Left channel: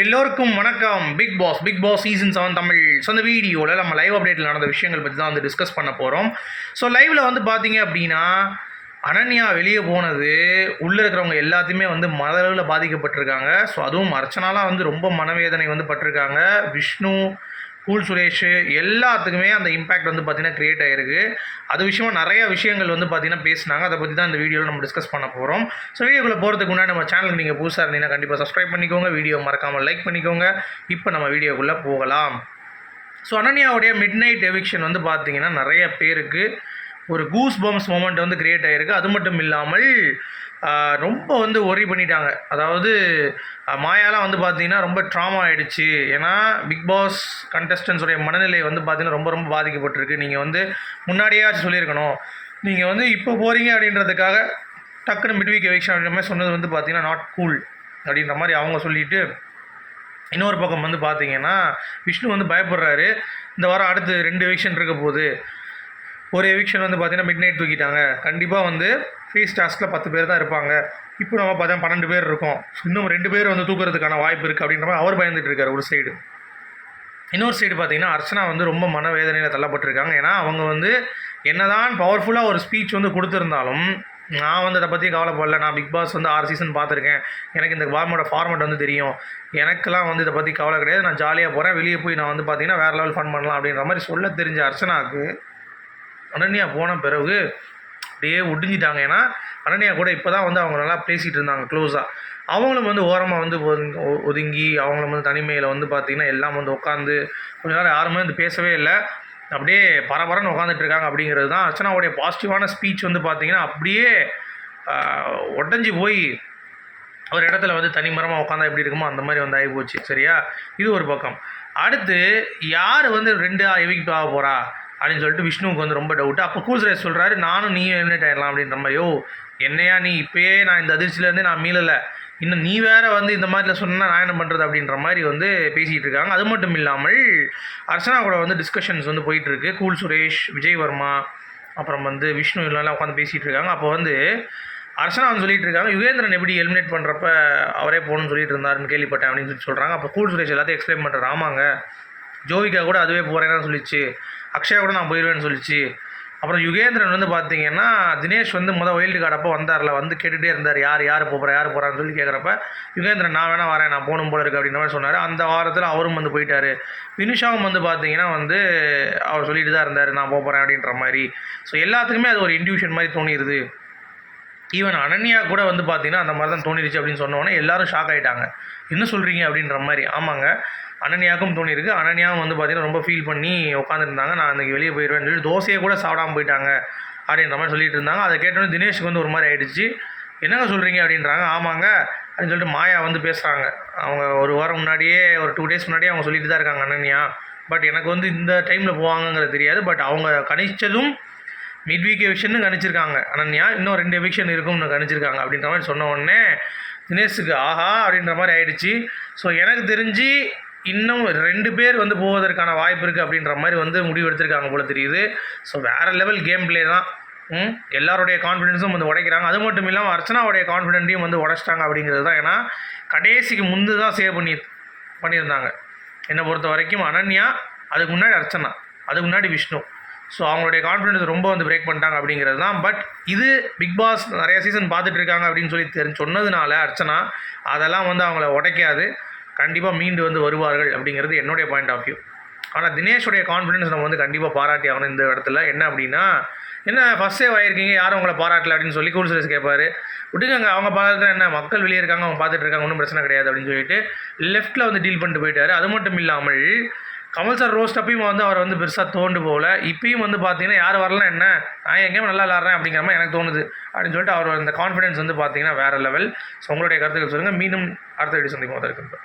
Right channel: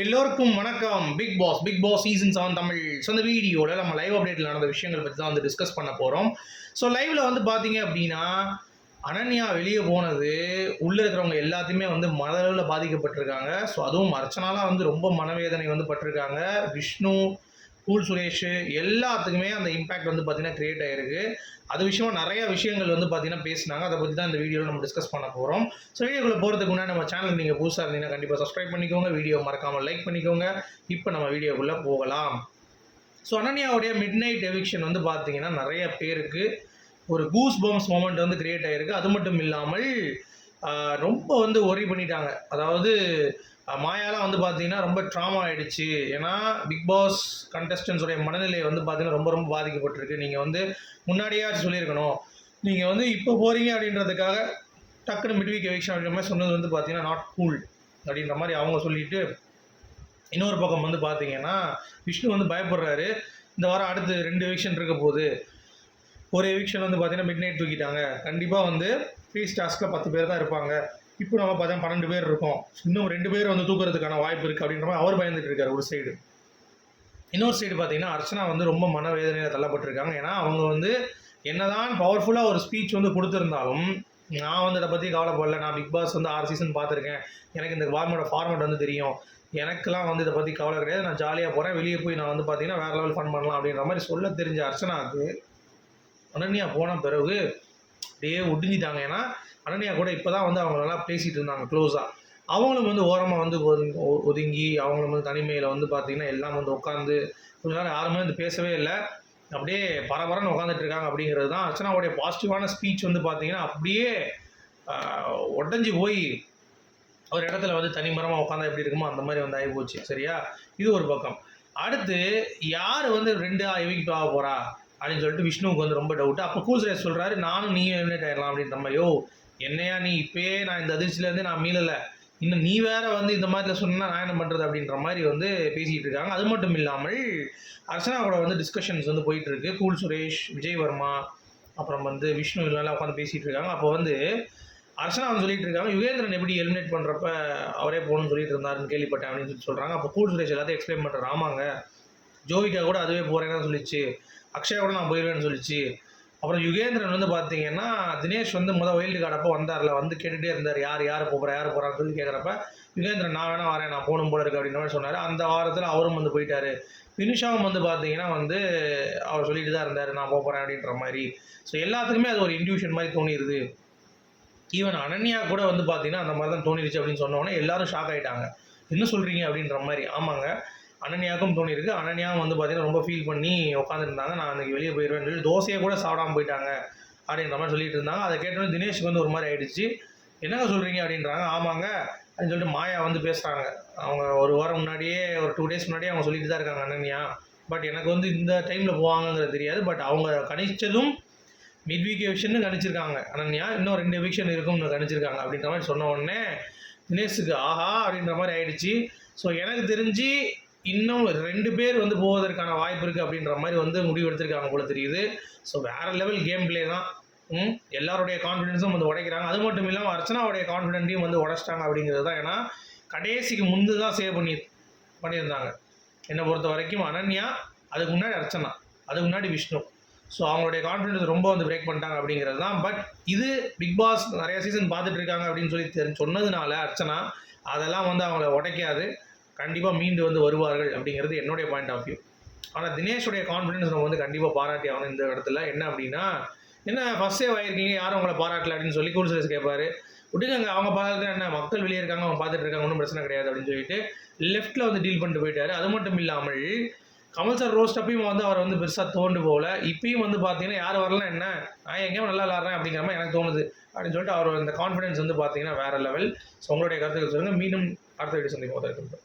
எல்லோருக்கும் வணக்கம். Bigg Boss Bigg Boss season seven Tamil. So அந்த வீடியோவில் நம்ம லைவ் அப்டேட்டில் நடந்த விஷயங்கள் பற்றி தான் வந்து டிஸ்கஸ் பண்ண போகிறோம் ஸோ லைவில் வந்து பார்த்தீங்க அப்படின்னா அனன்யா வெளியே போனது உள்ளே இருக்கிறவங்க எல்லாத்தையுமே வந்து மதளவில் பாதிக்கப்பட்டிருக்காங்க. ஸோ அதுவும் அர்ச்சனாலாம் வந்து ரொம்ப மனவேதனை வந்து பட்டிருக்காங்க. விஷ்ணு கூல் சுரேஷ் எல்லாத்துக்குமே அந்த இம்பேக்ட் வந்து பார்த்திங்கன்னா க்ரியேட் ஆகிருக்கு அது விஷயமா நிறைய விஷயங்கள் வந்து பார்த்திங்கன்னா பேசினாங்க. அதை பற்றி தான் இந்த வீடியோவில் நம்ம டிஸ்கஸ் பண்ண போகிறோம் ஸோ வீடியோக்குள்ளே போகிறதுக்கு முன்னாடி நம்ம சேனலுக்கு நீங்கள் புதுசாக இருந்தீங்கன்னா கண்டிப்பாக சப்ஸ்கிரைப் பண்ணிக்கோங்க. வீடியோ மறக்காமல் லைக் பண்ணிக்கோங்க. இப்போ நம்ம வீடியோக்குள்ளே போகலாம். ஸோ அனன்யாவுடைய மிட் நைட் எவிக்ஷன் வந்து பார்த்தீங்கன்னா நிறைய பேருக்கு ஒரு கூஸ் பம்ஸ் மூமெண்ட் வந்து க்ரியேட் ஆகிருக்கு அது மட்டும் இல்லாமல் ரொம்ப வந்து ஒரி பண்ணிட்டாங்க. அதாவது மாயாலாம் வந்து பார்த்தீங்கன்னா ரொம்ப ட்ராமா ஆகிடுச்சு ஏன்னா பிக் பாஸ் கண்டஸ்டன்ஸுடைய மனநிலை வந்து பார்த்திங்கன்னா ரொம்ப ரொம்ப பாதிக்கப்பட்டிருக்கு. நீங்கள் வந்து முன்னாடியாச்சும் சொல்லியிருக்கணும். நீங்கள் வந்து இப்போ போகிறீங்க அப்படின்றதுக்காக டக்குன்னு மிட்வீக் எவிக்ஷன் அப்படின்ற மாதிரி சொன்னது வந்து பார்த்தீங்கன்னா நாட் கூல் அப்படின்ற மாதிரி அவங்க சொல்லிட்டு இன்னொரு பக்கம் வந்து பார்த்தீங்கன்னா விஷ்ணு வந்து பயப்படுறாரு. இந்த வாரம் அடுத்து ரெண்டு எவிக்ஷன் இருக்க போகுது. ஒரு எவிக்ஷன் வந்து பார்த்தீங்கன்னா மிட் நைட் தூக்கிட்டாங்க. கண்டிப்பாக வந்து ஃபீஸ் டாஸ்கில் பத்து பேர் தான் இருப்பாங்க. இப்போ நம்ம பார்த்தா பன்னெண்டு பேர் இருக்கோம். இன்னும் ரெண்டு பேர் வந்து தூக்குறதுக்கான வாய்ப்பு இருக்குது அப்படின்ற மாதிரி அவர் பயந்துட்டு இருக்காரு ஒரு சைடு இன்னொரு சைடு பார்த்தீங்கன்னா அர்ச்சனா வந்து ரொம்ப மனவேதனையில் தள்ளப்பட்டிருக்காங்க. ஏன்னா அவங்க வந்து என்னதான் பவர்ஃபுல்லாக ஒரு ஸ்பீச் வந்து கொடுத்துருந்தாலும் நான் வந்து அதை பற்றி கவலைப்படல. நான் பிக் பாஸ் வந்து ஆறு சீசன் பார்த்துருக்கேன். எனக்கு இந்த வார்மோட ஃபார்மேட் வந்து தெரியும். எனக்கெல்லாம் வந்து இதை பற்றி கவலை கிடையாது. நான் ஜாலியாக போகிறேன் வெளியே போய் நான் வந்து பார்த்தீங்கன்னா வேறு லெவல் ஃபன் பண்ணலாம் அப்படின்ற மாதிரி சொல்ல தெரிஞ்ச அர்ச்சனாவுக்கு அனன்யா போன பிறகு அப்படியே ஒடிஞ்சிட்டாங்க. ஏன்னா அனன்யா கூட இப்போ தான் வந்து அவங்க நல்லா பேசிகிட்டு இருந்தாங்க க்ளோஸாக அவங்களும் வந்து ஓரமாக வந்து ஒதுங்கி- ஒ- ஒதுங்கி அவங்களும் வந்து தனிமையில் வந்து பார்த்திங்கன்னா எல்லாம் வந்து உட்காந்து கொஞ்ச நேரம் யாருமே வந்து பேசவே இல்லை. அப்படியே பரபரன்னு உட்காந்துட்டு இருக்காங்க அப்படிங்கிறது தான் அர்ச்சனாவுடைய பாசிட்டிவான ஸ்பீச் வந்து பார்த்திங்கன்னா அப்படியே உடஞ்சி போய் ஒரு இடத்துல வந்து தனிமரமாக உட்காந்தா எப்படி இருக்குமோ அந்த மாதிரி வந்து ஆகி போச்சு சரியா? இது ஒரு பக்கம். அடுத்து யார் வந்து ரெண்டு எவிக்ட் ஆக போகிறா அப்படின்னு சொல்லிட்டு விஷ்ணுவுக்கு வந்து ரொம்ப டவுட்டு அப்போ கூசுரேஷ் சொல்கிறாரு நானும் நீயும் எலிமினேட் ஆயிடலாம் அப்படின்ற மாதிரி. யோ என்னையா நீ இப்பயே நான் இந்த அதிர்ச்சியிலேருந்து நான் மீளலை. இன்னும் நீ வேற வந்து இந்த மாதிரில சொன்னால் நான் என்ன பண்ணுறது அப்படின்ற மாதிரி வந்து பேசிகிட்டு இருக்காங்க. அது மட்டும் இல்லாமல் அர்ச்சனா கூட வந்து டிஸ்கஷன்ஸ் வந்து போயிட்டுருக்கு கூல் சுரேஷ் விஜய் வர்மா அப்புறம் வந்து விஷ்ணு எல்லாம் உட்காந்து பேசிகிட்டு இருக்காங்க. அப்போ வந்து அர்ச்சனா வந்து சொல்லிட்டு இருக்காங்க யுகேந்திரன் எப்படி எலிமினேட் பண்ணுறப்ப அவரே போகணும்னு சொல்லிட்டு இருந்தாருன்னு கேள்விப்பட்டேன் அப்படின்னு சொல்லி சொல்கிறாங்க அப்போ கூல் சுரேஷ் எல்லாத்தையும் எக்ஸ்பிளைன் பண்ணுறாங்க ஆமாங்க ஜோவிகா கூட அதுவே போகிறேன்னு சொல்லிச்சு. அக்ஷயா கூட நான் போயிடுவேன்னு சொல்லிச்சு. அப்புறம் யுகேந்திரன் வந்து பார்த்தீங்கன்னா தினேஷ் வந்து முதல் வைல்டு கார்டு அப்போ வந்தார்ல வந்து கேட்டுகிட்டே இருந்தார். யார் யார் போகிறா யார் போகிறான்னு சொல்லி கேட்குறப்ப யுகேந்திரன் நான் வேணால் வரேன் நான் போகணும் போல இருக்கு அப்படின்ற மாதிரி சொன்னார். அந்த வாரத்தில் அவரும் வந்து போயிட்டார். வினுஷாவும் வந்து பார்த்தீங்கன்னா வந்து அவர் சொல்லிட்டு தான் இருந்தார் நான் போக போகிறேன் அப்படின்ற மாதிரி. ஸோ எல்லாத்துக்குமே அது ஒரு இன்டியூஷன் மாதிரி தோணிடுது ஈவன் அனன்யா கூட வந்து பார்த்தீங்கன்னா அந்த மாதிரி தான் தோணிடுச்சு அப்படின்னு சொன்னோன்னே எல்லாரும் ஷாக் ஆகிட்டாங்க என்ன சொல்கிறீங்க அப்படின்ற மாதிரி. ஆமாங்க. அனன்யாவுக்கும் தோணியிருக்கு. அனன்யாவும் வந்து பார்த்தீங்கன்னா ரொம்ப ஃபீல் பண்ணி உட்காந்துருந்தாங்க நான் அன்றைக்கி வெளியே போயிடுவேன்னு சொல்லி தோசையை கூட சாப்பிடாம போயிட்டாங்க அப்படின்ற மாதிரி சொல்லிட்டு இருந்தாங்க. அதை கேட்டோன்னே தினேஷ்க்கு வந்து ஒரு மாதிரி ஆகிடுச்சு என்னங்க சொல்கிறீங்க அப்படின்றாங்க. ஆமாங்க அப்படின்னு சொல்லிட்டு மாயா வந்து பேசுகிறாங்க அவங்க ஒரு வாரம் முன்னாடியே ஒரு டூ டேஸ் முன்னாடியே அவங்க சொல்லிட்டு தான் இருக்காங்க அனன்யா. பட் எனக்கு வந்து இந்த டைமில் போவாங்கங்கிறது தெரியாது. பட் அவங்க கணிச்சதும் மிட் வீக் எவிக்ஷன் கணிச்சிருக்காங்க. அனன்யா இன்னும் ரெண்டு எவிக்ஷன் இருக்கும்னு கணிச்சிருக்காங்க அப்படின்ற மாதிரி சொன்ன உடனே தினேஷுக்கு ஆஹா அப்படின்ற மாதிரி ஆயிடுச்சு. ஸோ எனக்கு தெரிஞ்சு இன்னும் ரெண்டு பேர் வந்து போவதற்கான வாய்ப்பு இருக்குது அப்படின்ற மாதிரி வந்து முடிவு எடுத்திருக்காங்க போல தெரியுது. ஸோ வேறு லெவல் கேம் ப்ளே தான். ம் எல்லாருடைய கான்ஃபிடென்ஸும் வந்து உடைக்கிறாங்க. அது மட்டும் இல்லாமல் அர்ச்சனாவுடைய கான்ஃபிடென்ட்டையும் வந்து உடைச்சிட்டாங்க அப்படிங்கிறது தான். ஏன்னா கடைசிக்கு முந்து தான் சேவ் பண்ணி பண்ணியிருந்தாங்க. என்னை பொறுத்த வரைக்கும் அனன்யா அதுக்கு முன்னாடி அர்ச்சனா அதுக்கு முன்னாடி விஷ்ணு. ஸோ அவங்களுடைய கான்ஃபிடன்ஸ் ரொம்ப வந்து பிரேக் பண்ணிட்டாங்க அப்படிங்கிறது தான். பட் இது பிக் பாஸ் நிறைய சீசன் பார்த்துட்டு இருக்காங்க அப்படின்னு சொல்லி தெரிஞ்சு சொன்னதுனால அர்ச்சனா அதெல்லாம் வந்து அவங்கள உடைக்காது. கண்டிப்பாக மீண்டு வந்து வருவார்கள் அப்படிங்கிறது என்னுடைய பாயிண்ட் ஆஃப் வியூ ஆனால் தினேஷுடைய கான்ஃபிடன்ஸ் நம்ம வந்து கண்டிப்பாக பாராட்டி ஆகணும் இந்த இடத்துல. என்ன அப்படின்னா என்ன ஃபஸ்ட் சேவ் ஆகிருக்கீங்க யாரும் உங்களை பாராட்டல அப்படின்னு சொல்லி கூல் சுரேஷ் கேட்பாரு விட்டுங்க அவங்க பார்த்துட்டு என்ன மக்கள் வெளியே இருக்காங்க அவங்க பார்த்துட்டு இருக்காங்க ஒன்றும் பிரச்சனை கிடையாது அப்படின்னு சொல்லிட்டு லெஃப்ட்டில் வந்து டீல் பண்ணிட்டு போயிட்டார். அது மட்டும் இல்லாமல் கமல் சார் ரோஸ்ட் அப்பயும் வந்து அவர் வந்து பெருசாக தோண்டு போகல. இப்பயும் வந்து பார்த்தீங்கன்னா யார் வரலாம் என்ன நான் எங்கேயும் நல்லா விளாட்றேன் அப்படிங்கிற மாதிரி எனக்கு தோணுது அப்படின்னு சொல்லிட்டு அவர் அந்த கான்ஃபிடன்ஸ் வந்து பார்த்தீங்கன்னா வேறு லெவல் ஸோ உங்களுடைய கருத்துக்கள் சொல்லுங்கள் மீண்டும் அடுத்த வீடியோ சந்திப்போம். அதற்கு